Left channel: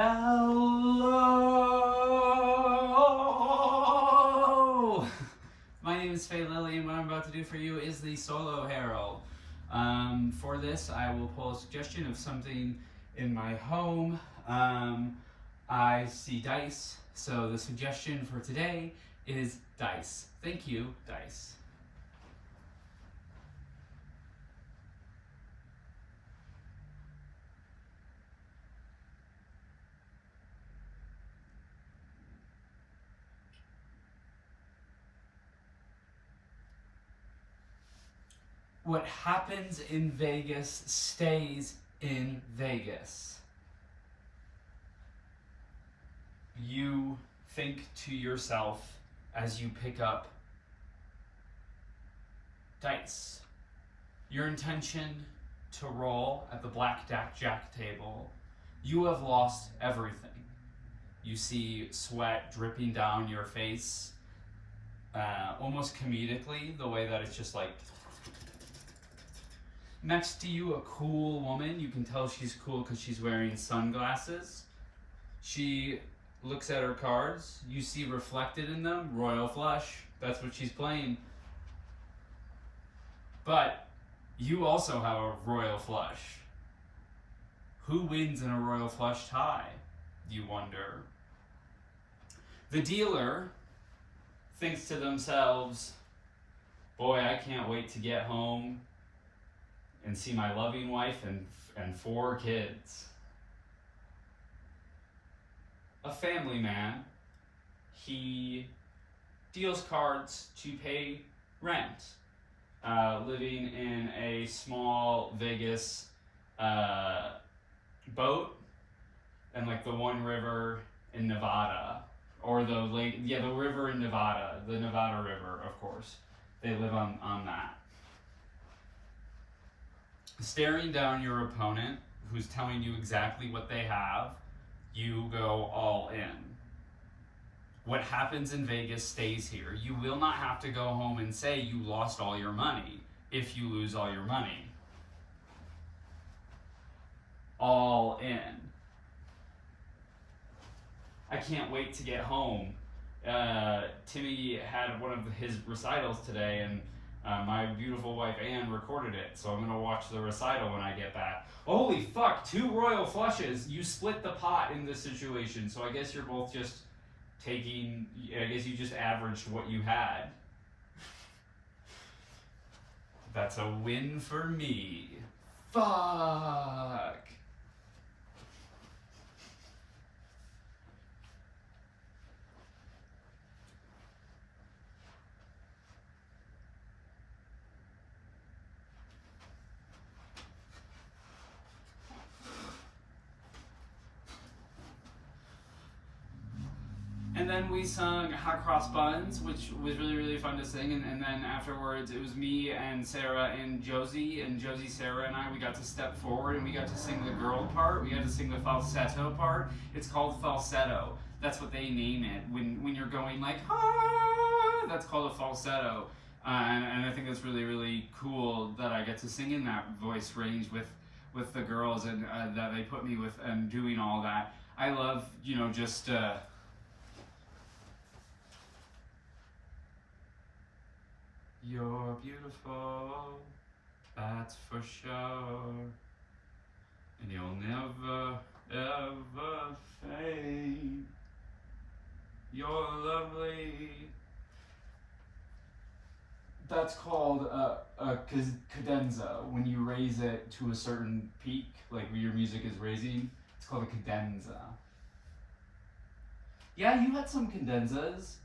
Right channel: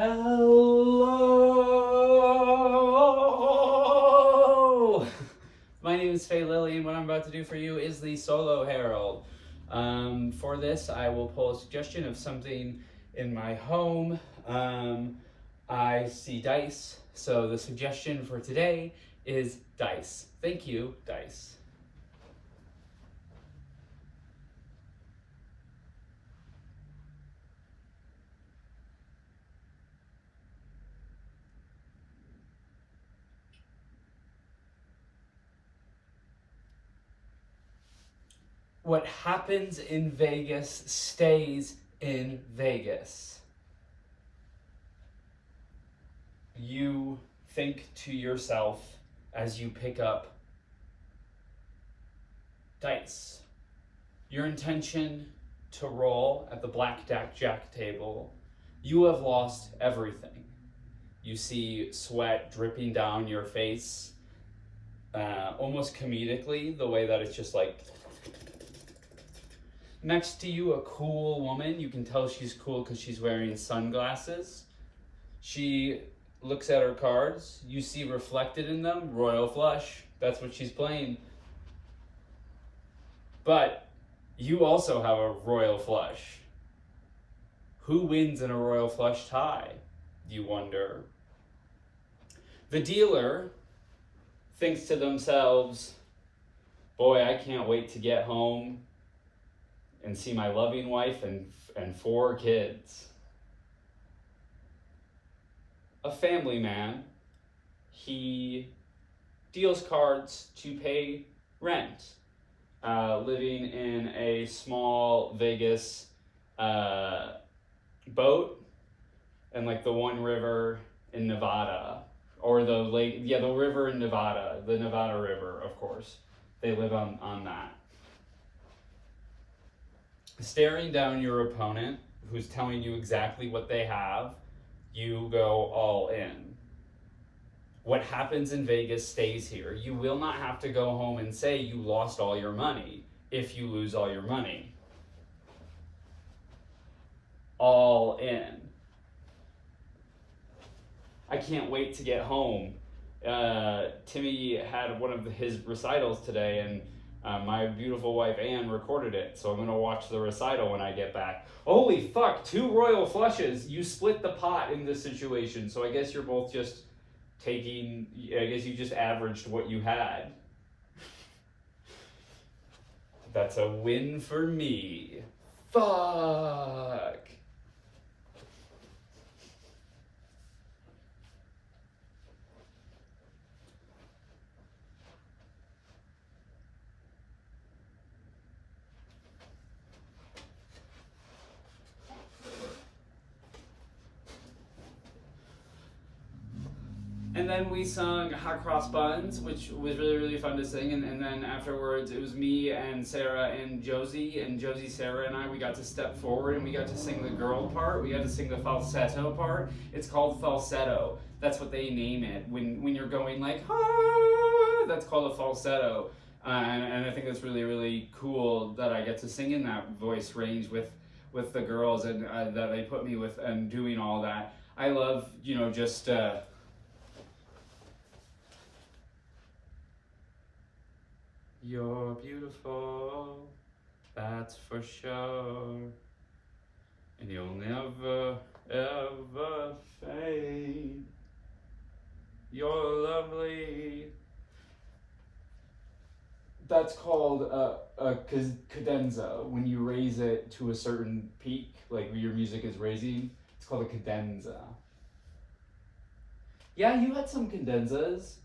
Hello! My name is Faye Lily, and what I'm about to do for you is the Solo Herald. For this, I will pull a suggestion of something in my home. I see dice, so the suggestion for today is dice. Thank you, dice. What happens in Vegas stays in Vegas. You think to yourself as you pick up dice. Your intention to roll at the blackjack table. You have lost everything. You see sweat dripping down your face, almost comedically, the way that it's just like. Next to you, a cool woman. You can tell she's cool because she's wearing sunglasses. She looks at her cards. You see reflected in them, royal flush. That's what she's playing. But you also have a royal flush. Who wins in a royal flush tie, you wonder? The dealer thinks to themselves, boy, I can't wait to get home and see my loving wife and 4 kids. A family man, he deals cards to pay rent, living in a small Vegas boat and like the one river in Nevada, or the lake, the river in Nevada, the Nevada River, of course. They live on that. Staring down your opponent, who's telling you exactly what they have, you go all in. What happens in Vegas stays here. You will not have to go home and say you lost all your money if you lose all your money. All in. I can't wait to get home. Timmy had one of his recitals today, and my beautiful wife Anne recorded it, so I'm gonna watch the recital when I get back. Holy fuck, 2 royal flushes. You split the pot in this situation, so I guess you're both just taking, I guess you just averaged what you had. That's a win for me. Fuck. And then we sung Hot Cross Buns, which was really, really fun to sing. And then afterwards, it was me and Sarah and Josie. And Josie, Sarah, and I, we got to step forward and we got to sing the girl part. We got to sing the falsetto part. It's called falsetto. That's what they name it. When you're going like, ah, that's called a falsetto. And I think it's really, really cool that I get to sing in that voice range with the girls, and that they put me with, and doing all that. I love, just... You're beautiful, that's for sure, and you'll never, ever fade. You're lovely. That's called a cadenza. When you raise it to a certain peak, like your music is raising, it's called a cadenza. Yeah, you had some cadenzas.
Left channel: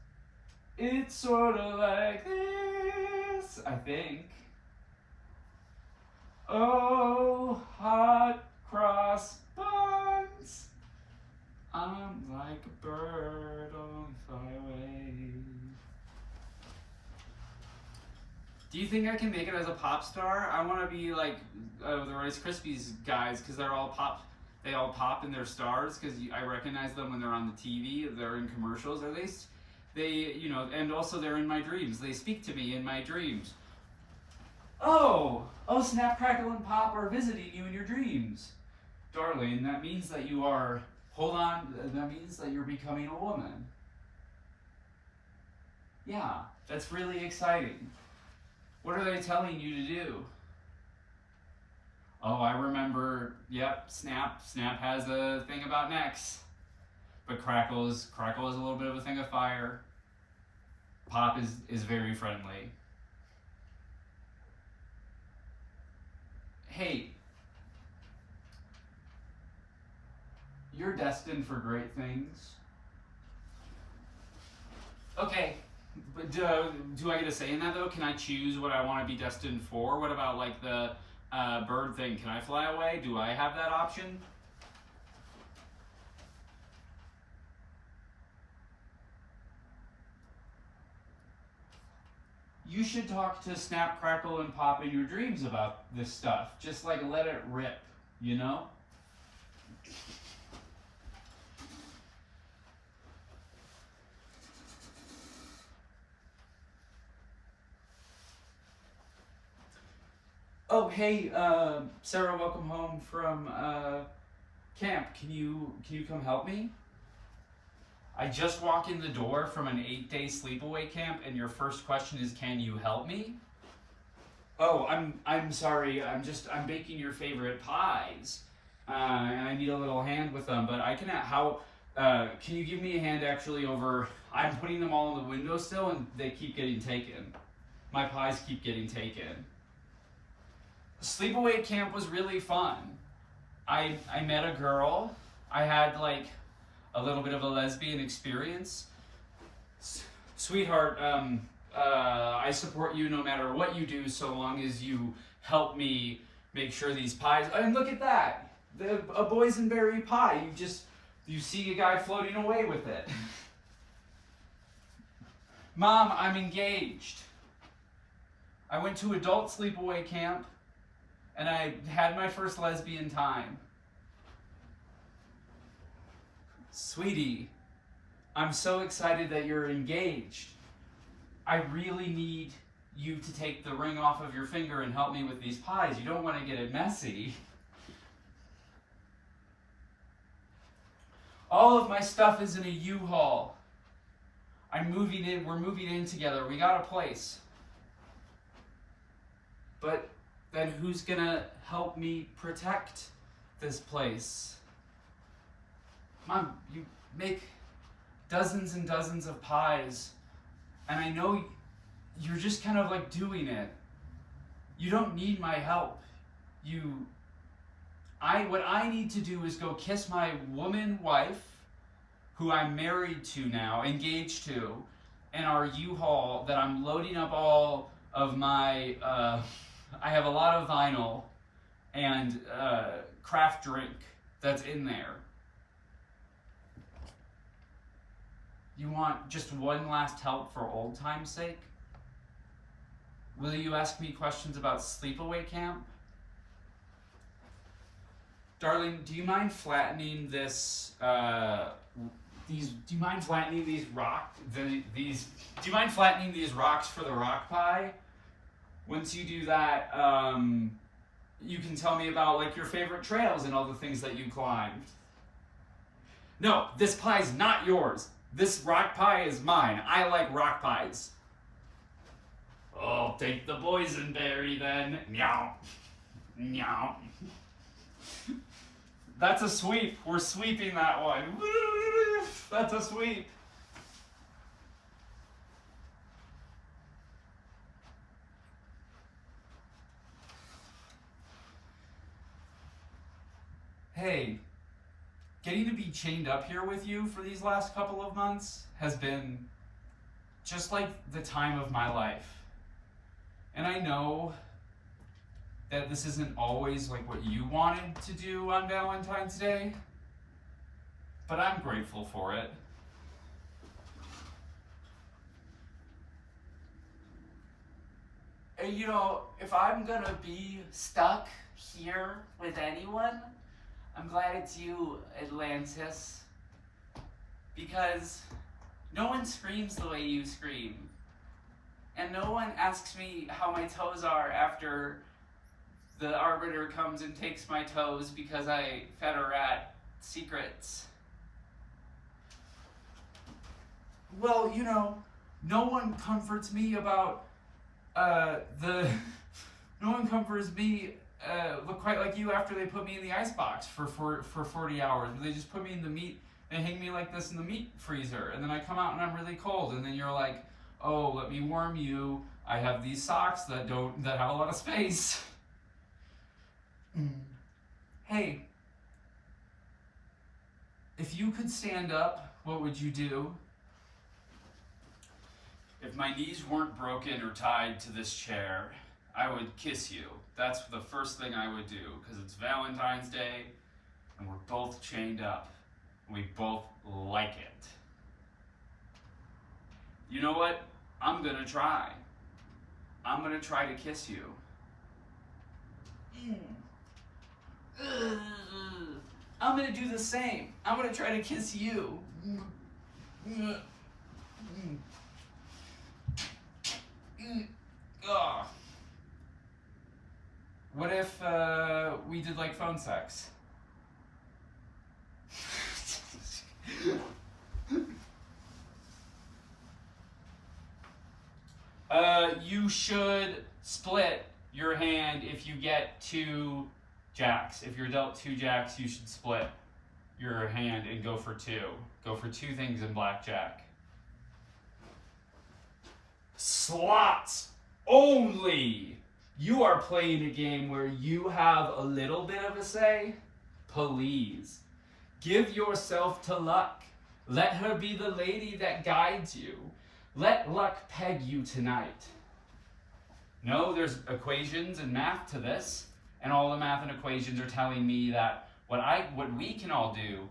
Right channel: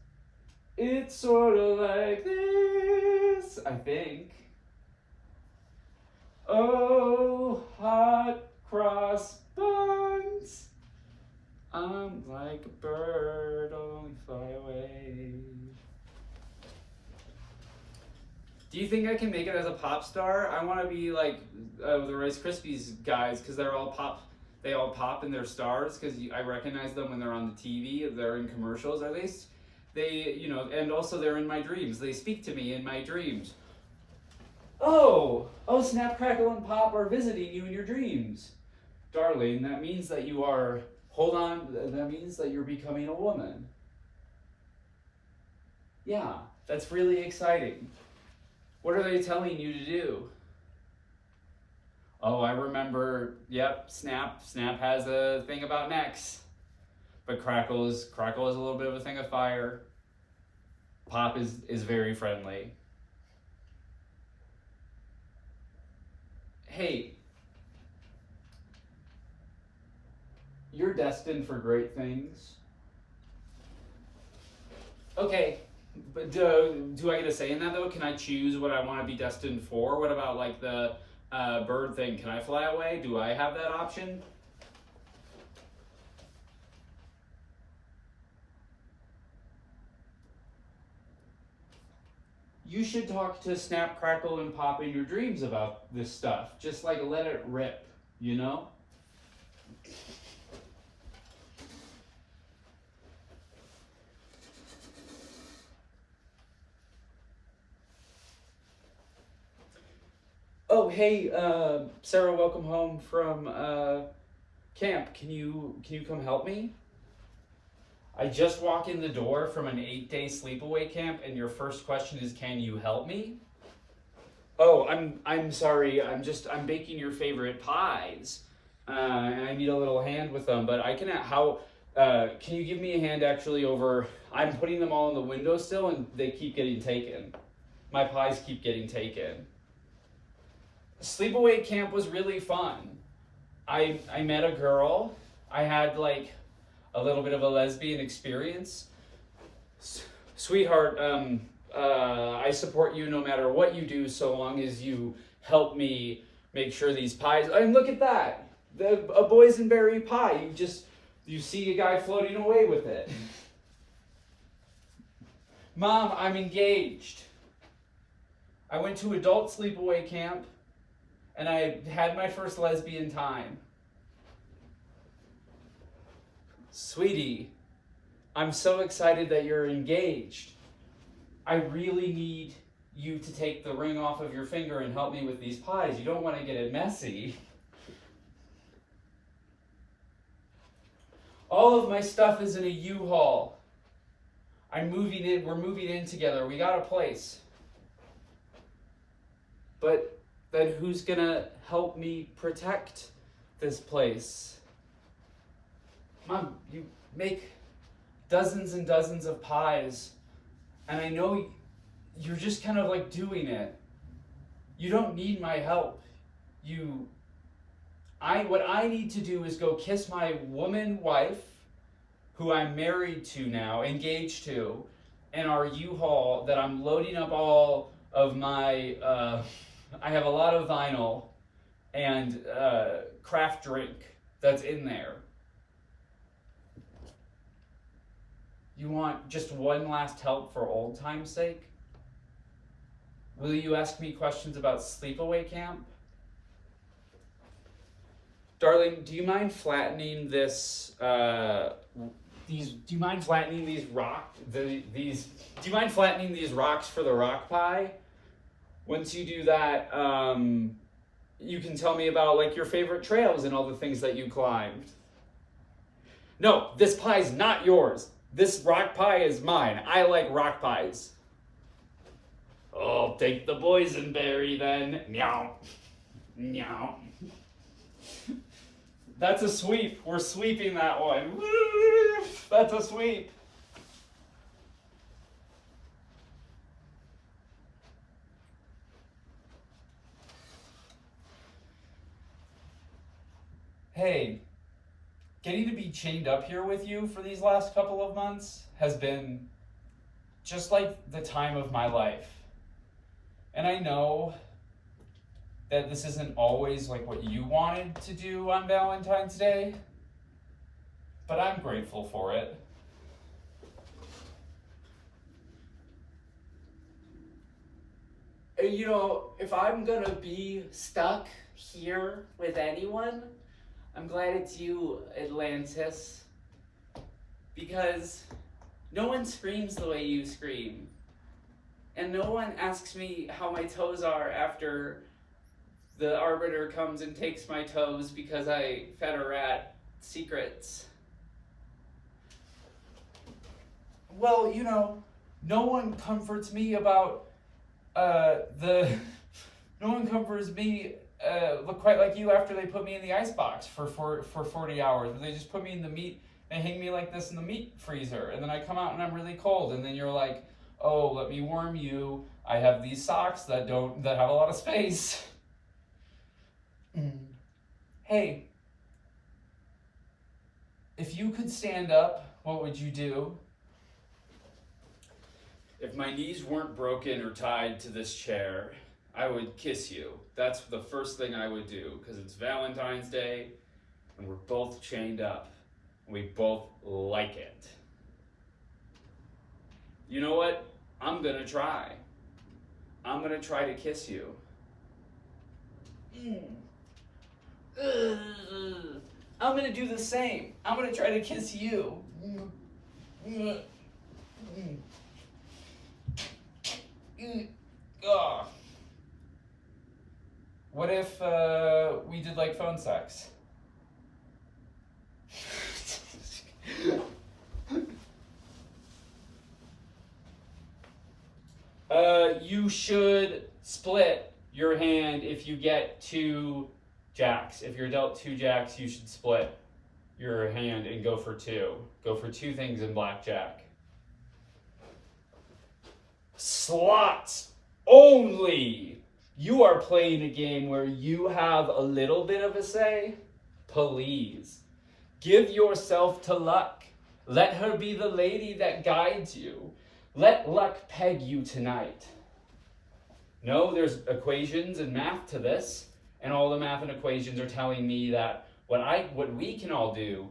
It's sort of like this, I think. Oh, hot cross buns. I'm like a bird, only fly away. Do you think I can make it as a pop star? I want to be like the Rice Krispies guys, because they're all pop. They all pop and they're stars, because I recognize them when they're on the TV. They're in commercials. Are they? And also they're in my dreams. They speak to me in my dreams. Oh, Snap, Crackle, and Pop are visiting you in your dreams. Darling, that means that you are Hold on, that means that you're becoming a woman. Yeah, that's really exciting. What are they telling you to do? Oh, I remember, yep, Snap. Snap has a thing about necks. But Crackle is a little bit of a thing of fire. Pop is very friendly. Hey, you're destined for great things. Okay, but do I get a say in that though? Can I choose what I want to be destined for? What about like the bird thing? Can I fly away? Do I have that option? You should talk to Snap, Crackle, and Pop in your dreams about this stuff. Just like let it rip, you know? Oh, hey, Sarah, welcome home from camp. Can you come help me? I just walked in the door from an 8-day sleepaway camp, and your first question is, "Can you help me?" Oh, I'm sorry. I'm baking your favorite pies, and I need a little hand with them. But I can can you give me a hand actually over? I'm putting them all in the windowsill, and they keep getting taken. My pies keep getting taken. Sleepaway camp was really fun. I met a girl. I had like a little bit of a lesbian experience. Sweetheart, I support you no matter what you do, so long as you help me make sure these pies. And look at that, a boysenberry pie. You see a guy floating away with it. Mom, I'm engaged. I went to adult sleepaway camp, and I had my first lesbian time. Sweetie, I'm so excited that you're engaged. I really need you to take the ring off of your finger and help me with these pies. You don't want to get it messy. All of my stuff is in a U-Haul. We're moving in together. We got a place. But then who's gonna help me protect this place? Mom, you make dozens and dozens of pies, and I know you're just kind of like doing it. You don't need my help. What I need to do is go kiss my woman wife, who I'm married to now, engaged to, in our U-Haul that I'm loading up all of my, I have a lot of vinyl and craft drink that's in there. You want just one last help for old time's sake? Will you ask me questions about sleepaway camp? Darling, do you mind flattening this? Do you mind flattening these Do you mind flattening these rocks for the rock pie? Once you do that, you can tell me about like your favorite trails and all the things that you climbed. No, this pie's not yours. This rock pie is mine. I like rock pies. I'll take the boysenberry then. Meow. Meow. That's a sweep. We're sweeping that one. Woo! That's a sweep. Hey, getting to be chained up here with you for these last couple of months has been just like the time of my life. And I know that this isn't always like what you wanted to do on Valentine's Day, but I'm grateful for it. You know, if I'm gonna be stuck here with anyone, I'm glad it's you, Atlantis. Because no one screams the way you scream. And no one asks me how my toes are after the arbiter comes and takes my toes because I fed a rat secrets. well, no one comforts me about the. No one comforts me look quite like you after they put me in the ice box for 40 hours. They just put me in the meat. They hang me like this in the meat freezer, and then I come out and I'm really cold. And then you're like, "Oh, let me warm you. I have these socks that have a lot of space." Hey, if you could stand up, what would you do? If my knees weren't broken or tied to this chair, I would kiss you. That's the first thing I would do, because it's Valentine's Day and we're both chained up. We both like it. You know what? I'm gonna try. I'm gonna try to kiss you. I'm gonna do the same. I'm gonna try to kiss you. Ugh. What if we did like phone sex? You should split your hand if you get 2 jacks. If you're dealt 2 jacks, you should split your hand and go for 2. Go for 2 things in blackjack. Slots only! You are playing a game where you have a little bit of a say. Please, give yourself to luck. Let her be the lady that guides you. Let luck peg you tonight. No, there's equations and math to this, and all the math and equations are telling me that what we can all do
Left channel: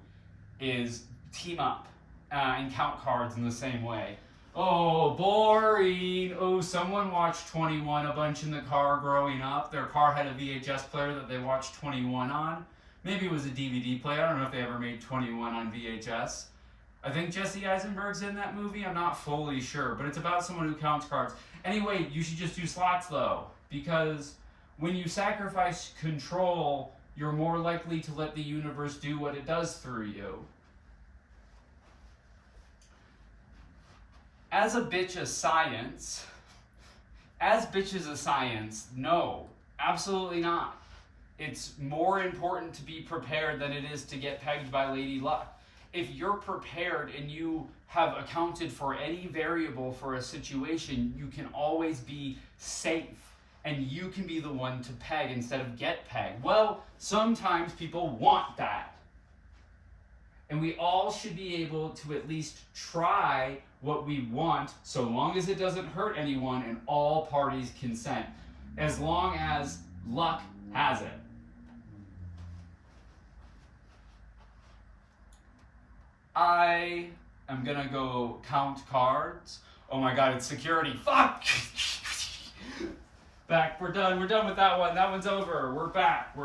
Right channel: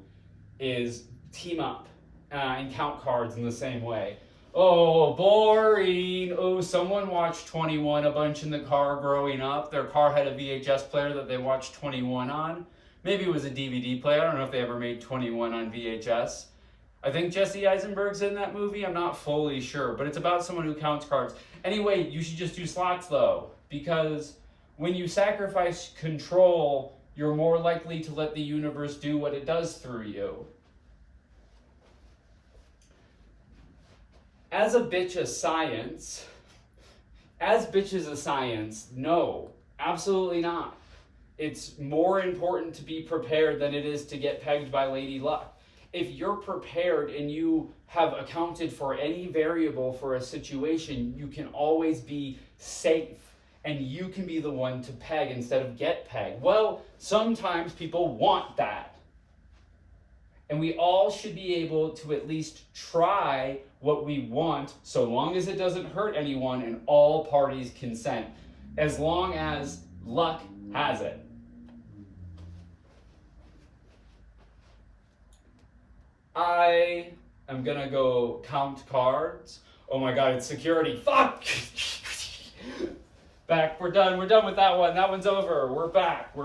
is team up and count cards in the same way. Oh, boring. Oh, someone watched 21 a bunch in the car growing up. Their car had a VHS player that they watched 21 on. Maybe it was a DVD player. I don't know if they ever made 21 on VHS. I think Jesse Eisenberg's in that movie. I'm not fully sure, but it's about someone who counts cards. Anyway, you should just do slots though, because when you sacrifice control, you're more likely to let the universe do what it does through you. As bitch of science, no, absolutely not. It's more important to be prepared than it is to get pegged by Lady Luck. If you're prepared and you have accounted for any variable for a situation, you can always be safe and you can be the one to peg instead of get pegged. Well, sometimes people want that. And we all should be able to at least try what we want, so long as it doesn't hurt anyone and all parties consent, as long as luck has it. I am gonna go count cards. Oh my god, it's security. Fuck! Back, we're done with that one. That one's over. We're back.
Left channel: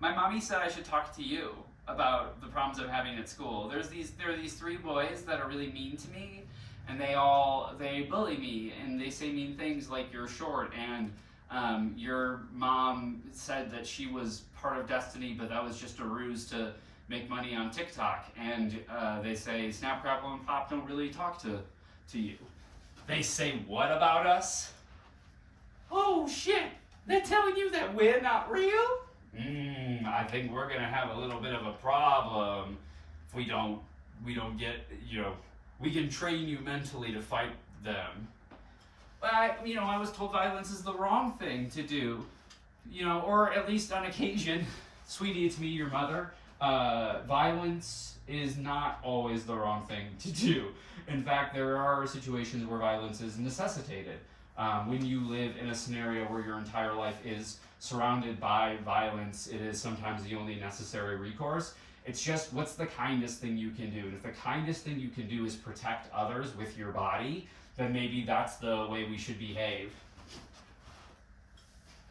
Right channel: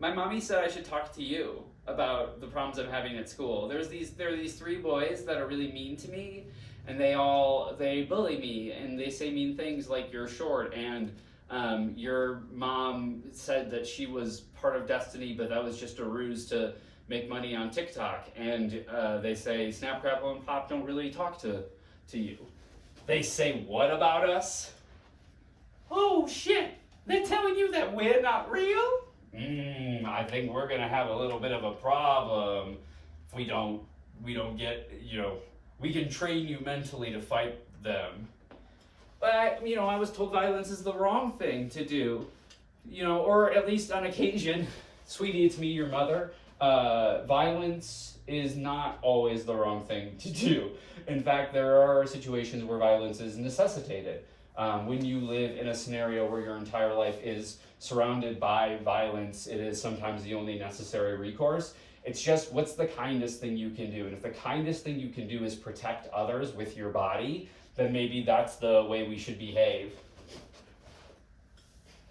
My mommy said I should talk to you about the problems I'm having at school. There are these 3 boys that are really mean to me, and they bully me, and they say mean things like you're short, and your mom said that she was part of Destiny, but that was just a ruse to make money on TikTok, and they say Snap, Crackle, and Pop don't really talk to you. They say what about us? Oh shit, they're telling you that we're not real? I think we're gonna have a little bit of a problem if we don't get, we can train you mentally to fight them. But I was told violence is the wrong thing to do, or at least on occasion. Sweetie, it's me, your mother. Violence is not always the wrong thing to do. In fact, there are situations where violence is necessitated. When you live in a scenario where your entire life is surrounded by violence, it is sometimes the only necessary recourse. It's just, what's the kindest thing you can do? And if the kindest thing you can do is protect others with your body, then maybe that's the way we should behave.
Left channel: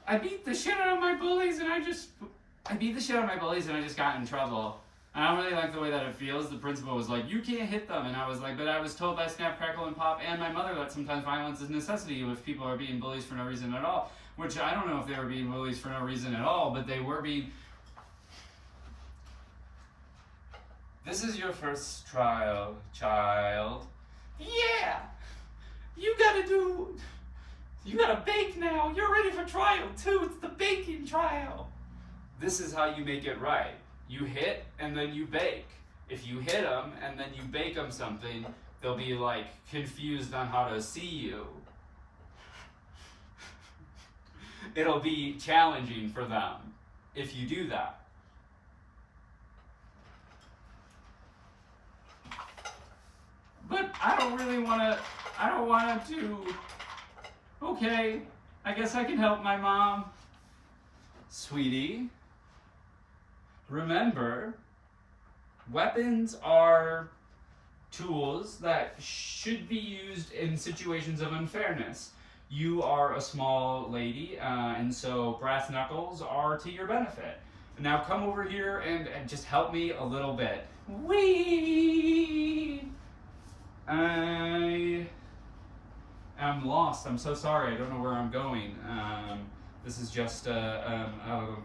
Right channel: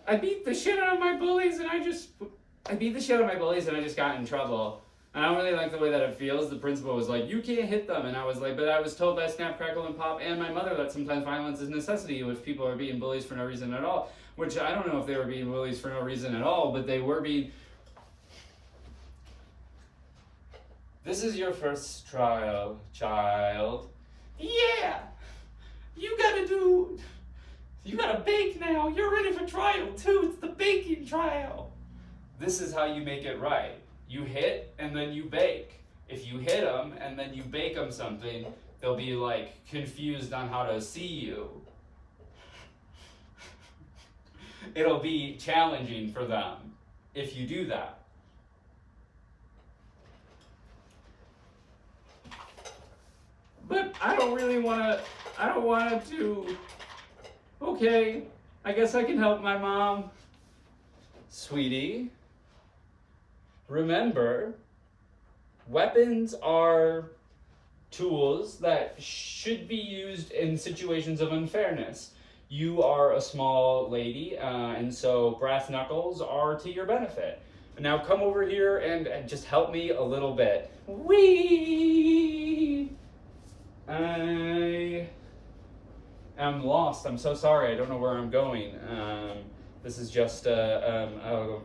I beat the shit out of my bullies and I just got in trouble. I don't really like the way that it feels. The principal was like, "You can't hit them," and I was like, "But I was told by Snap, Crackle, and Pop and my mother that sometimes violence is necessity if people are being bullies for no reason at all." Which I don't know if they were being bullies for no reason at all, but they were being. This is your first trial, child. Yeah, you gotta bake now. You're ready for trial too. It's the baking trial. This is how you make it right. You hit and then you bake. If you hit them and then you bake them something, they'll be like confused on how to see you. It'll be challenging for them if you do that. But I don't want to. Okay, I guess I can help my mom. Sweetie, remember, weapons are tools that should be used in situations of unfairness. You are a small lady, and so brass knuckles are to your benefit. Now come over here and just help me a little bit. Whee! I am lost. I'm so sorry. I don't know where I'm going. This is just so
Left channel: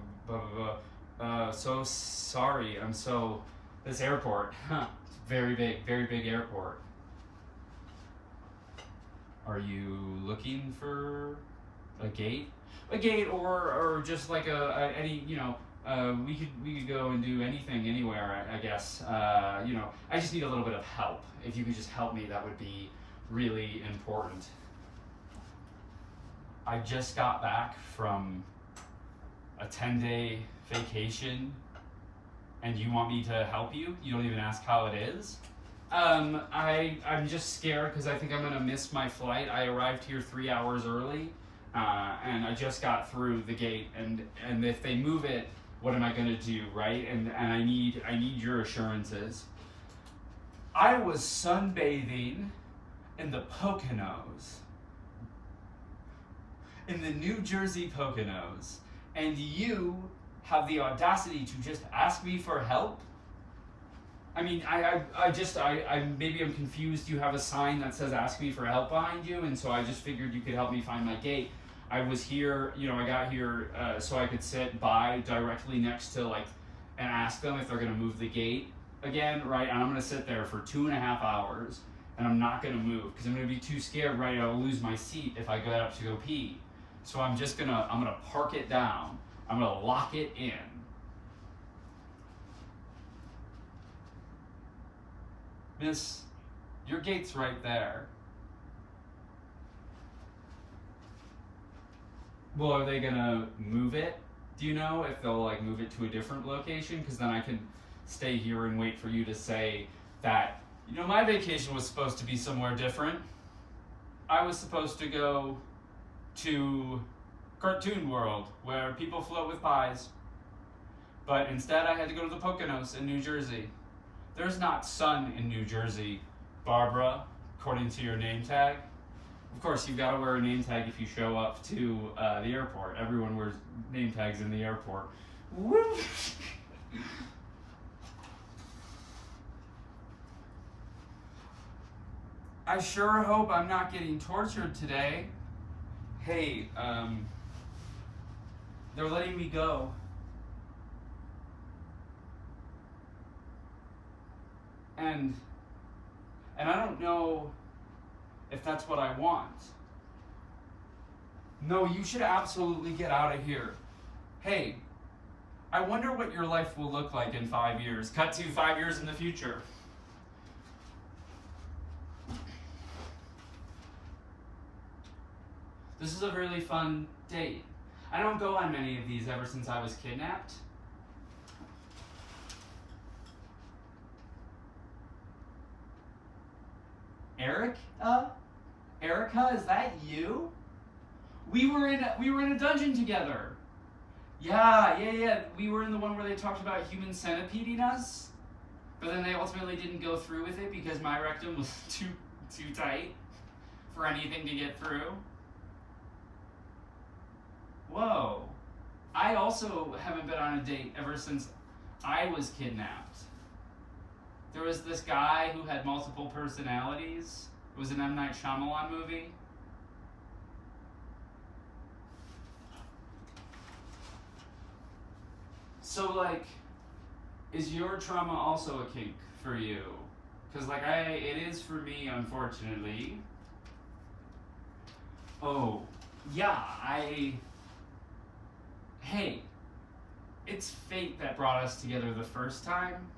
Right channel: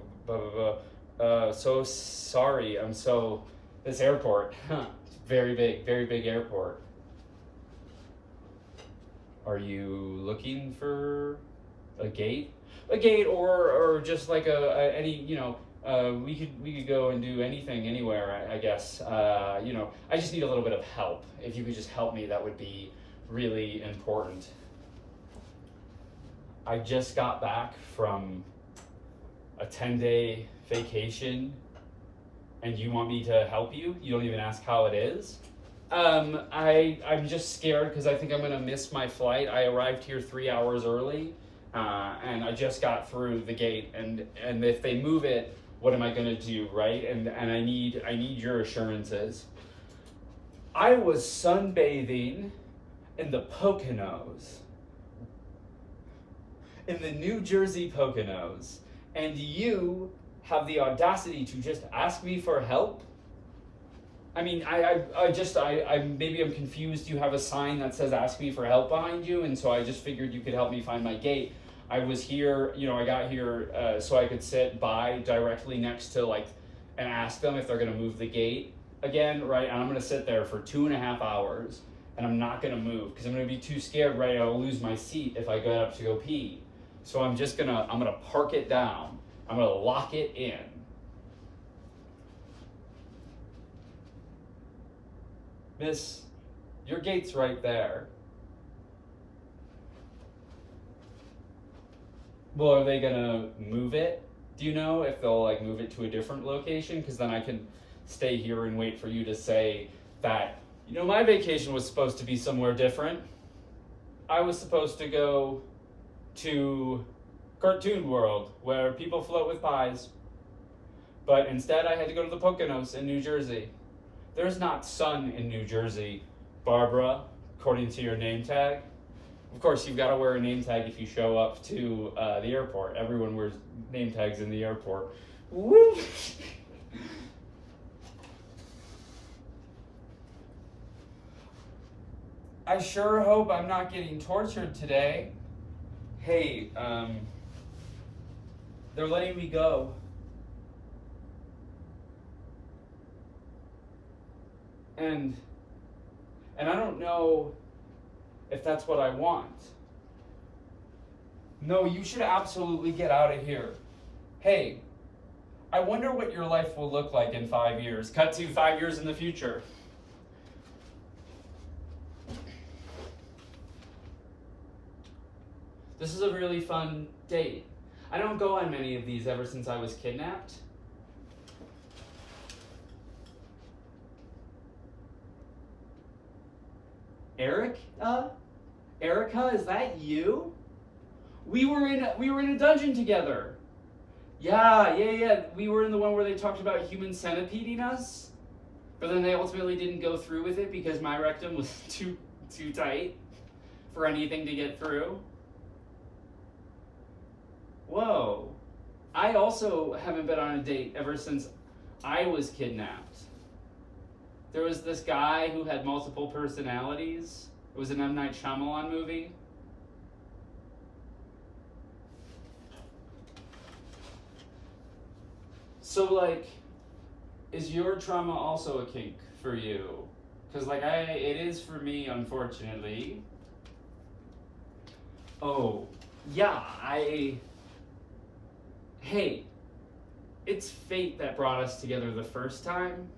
sorry. This airport, very big airport. Are you looking for a gate? A gate or just like any, we could go and do anything anywhere, I guess. I just need a little bit of help. If you could just help me, that would be really important. I just got back from a 10-day vacation and you want me to help you? You don't even ask how it is? I'm just scared because I think I'm gonna miss my flight. I arrived here 3 hours early, and I just got through the gate. And if they move it, what am I gonna do, right? And I need your assurances. I was sunbathing in the Poconos, in the New Jersey Poconos, and you have the audacity to just ask me for help? I mean, I maybe I'm confused. You have a sign that says "Ask me for help" behind you, and so I just figured you could help me find my gate. I was here, I got here so I could sit by directly next to and ask them if they're gonna move the gate again, right? And I'm gonna sit there for 2.5 hours, and I'm not gonna move because I'm gonna be too scared, right? I'll lose my seat if I get up to go pee. So I'm gonna park it down. I'm gonna lock it in. Miss, your gate's right there. Well, are they gonna move it? Do you know if they'll move it to a different location? Because then I can stay here and wait for you to say that, my vacation was supposed to be somewhere different. I was supposed to go to Cartoon World, where people float with pies. But instead I had to go to the Poconos in New Jersey. There's not sun in New Jersey, Barbara, according to your name tag. Of course, you've got to wear a name tag if you show up to the airport. Everyone wears name tags in the airport. Woo! I sure hope I'm not getting tortured today. Hey, they're letting me go. And I don't know if that's what I want. No, you should absolutely get out of here. Hey, I wonder what your life will look like in 5 years. Cut to 5 years in the future. This is a really fun date. I don't go on many of these ever since I was kidnapped. Erica, is that you? We were in a dungeon together. Yeah. We were in the one where they talked about human centipeding us, but then they ultimately didn't go through with it because my rectum was too tight for anything to get through. Whoa. I also haven't been on a date ever since I was kidnapped. There was this guy who had multiple personalities. It was an M. Night Shyamalan movie. So, like, is your trauma also a kink for you? Because, like, it is for me, unfortunately. Oh, yeah, hey, it's fate that brought us together the first time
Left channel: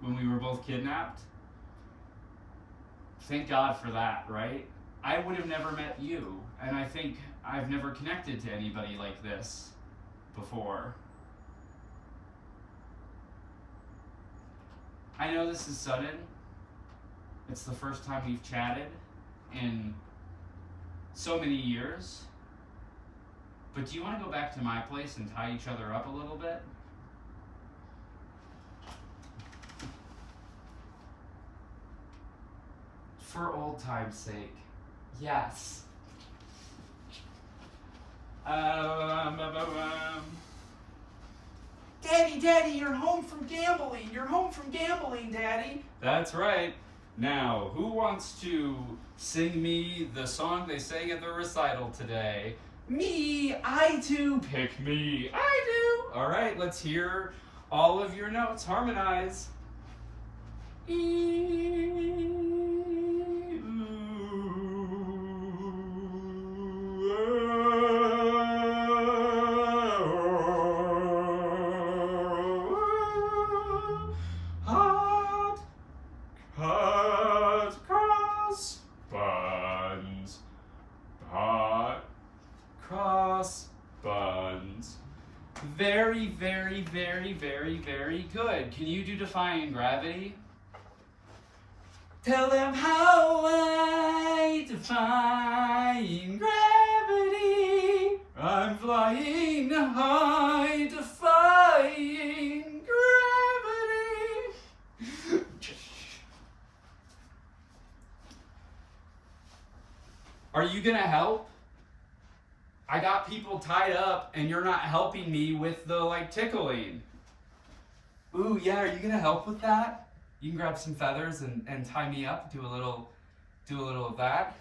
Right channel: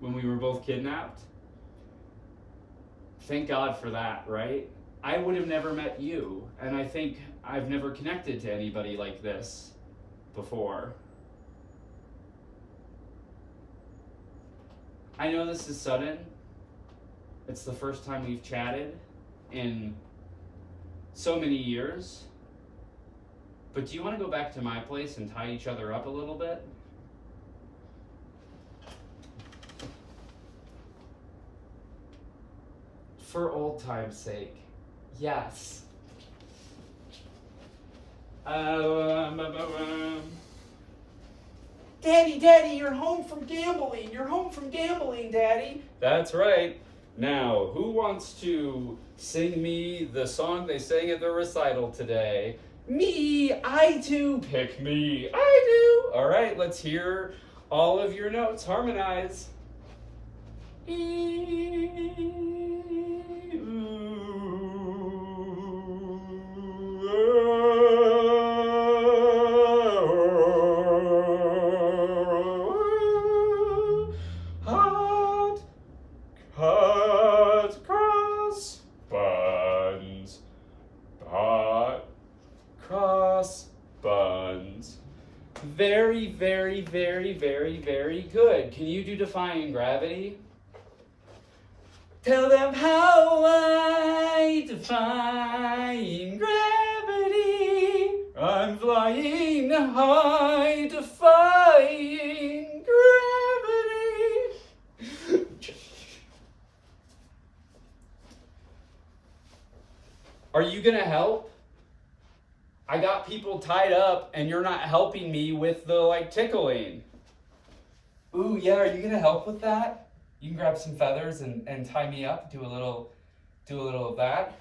when we were both kidnapped. Thank God for that, right? I would have never met you, and I think I've never connected to anybody like this before. I know this is sudden. It's the first time we've chatted in so many years. But do you want to go back to my place and tie each other up a little bit? For old time's sake, yes. Daddy, you're home from gambling. You're home from gambling, Daddy. That's right. Now, who wants to sing me the song they sang at the recital today? Me, I do. Pick me, I do. All right, let's hear all of your notes. Harmonize. Hot cross buns. Hot cross buns. Very, very, very, very, very good. Can you do defying gravity? Tell them how I defying gravity. I'm flying high, defying gravity. Are you gonna help? I got people tied up and you're not helping me with the like tickling. Ooh, yeah, are you gonna help with that? You can grab some feathers and tie me up, do a little of that.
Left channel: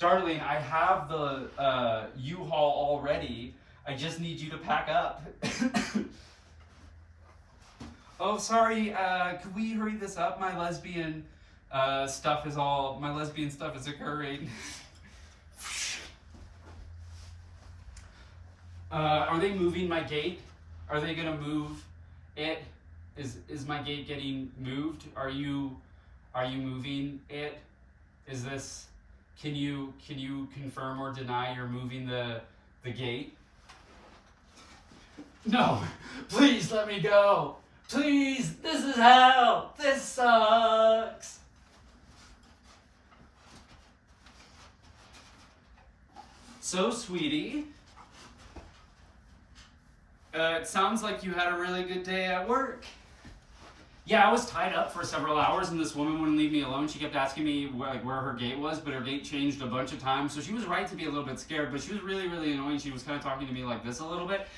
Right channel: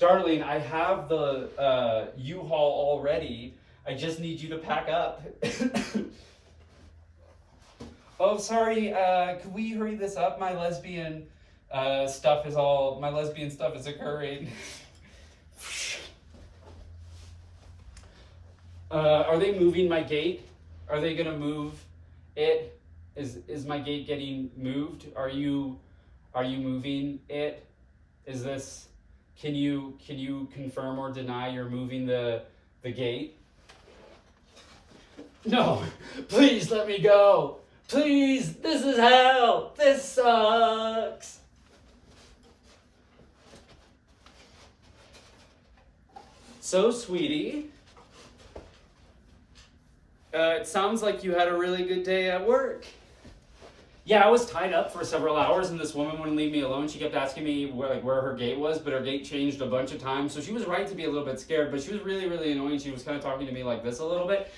Darling, I have the U-Haul already. I just need you to pack up. Oh, sorry, could we hurry this up? My lesbian stuff is occurring. Are they moving my gate? Are they gonna move it? Is my gate getting moved? Are you moving it? Is this, can you confirm or deny you're moving the gate? No, please let me go. Please, this is hell. This sucks. So, sweetie, it sounds like you had a really good day at work. Yeah, I was tied up for several hours and this woman wouldn't leave me alone. She kept asking me where her gate was, but her gate changed a bunch of times. So she was right to be a little bit scared, but she was really, really annoying. She was kind of talking to me like this a little bit.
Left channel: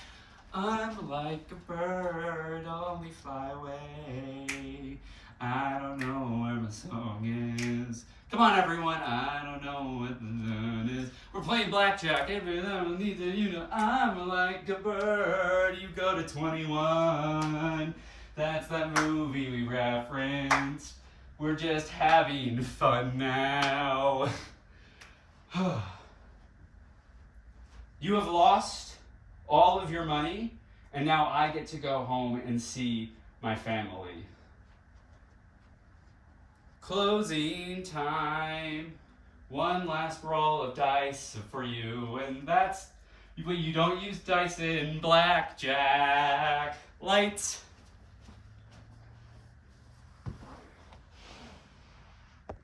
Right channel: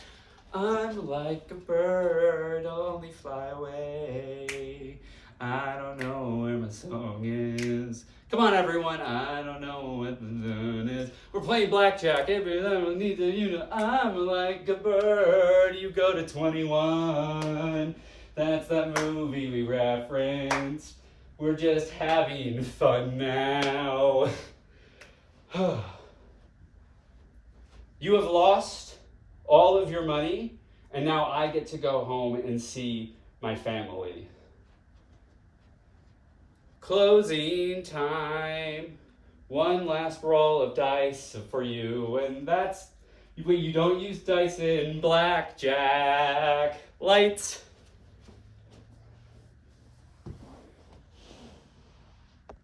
I'm like a bird, only fly away. I don't know where my song is. Come on, everyone, I don't know what the zone is. We're playing blackjack. Every little need to, you know, I'm like a bird. You go to 21. That's that movie we referenced. We're just having fun now. You have lost all of your money, and now I get to go home and see my family. Closing time. One last roll of dice for you, and that's, but you don't use dice in blackjack. Lights.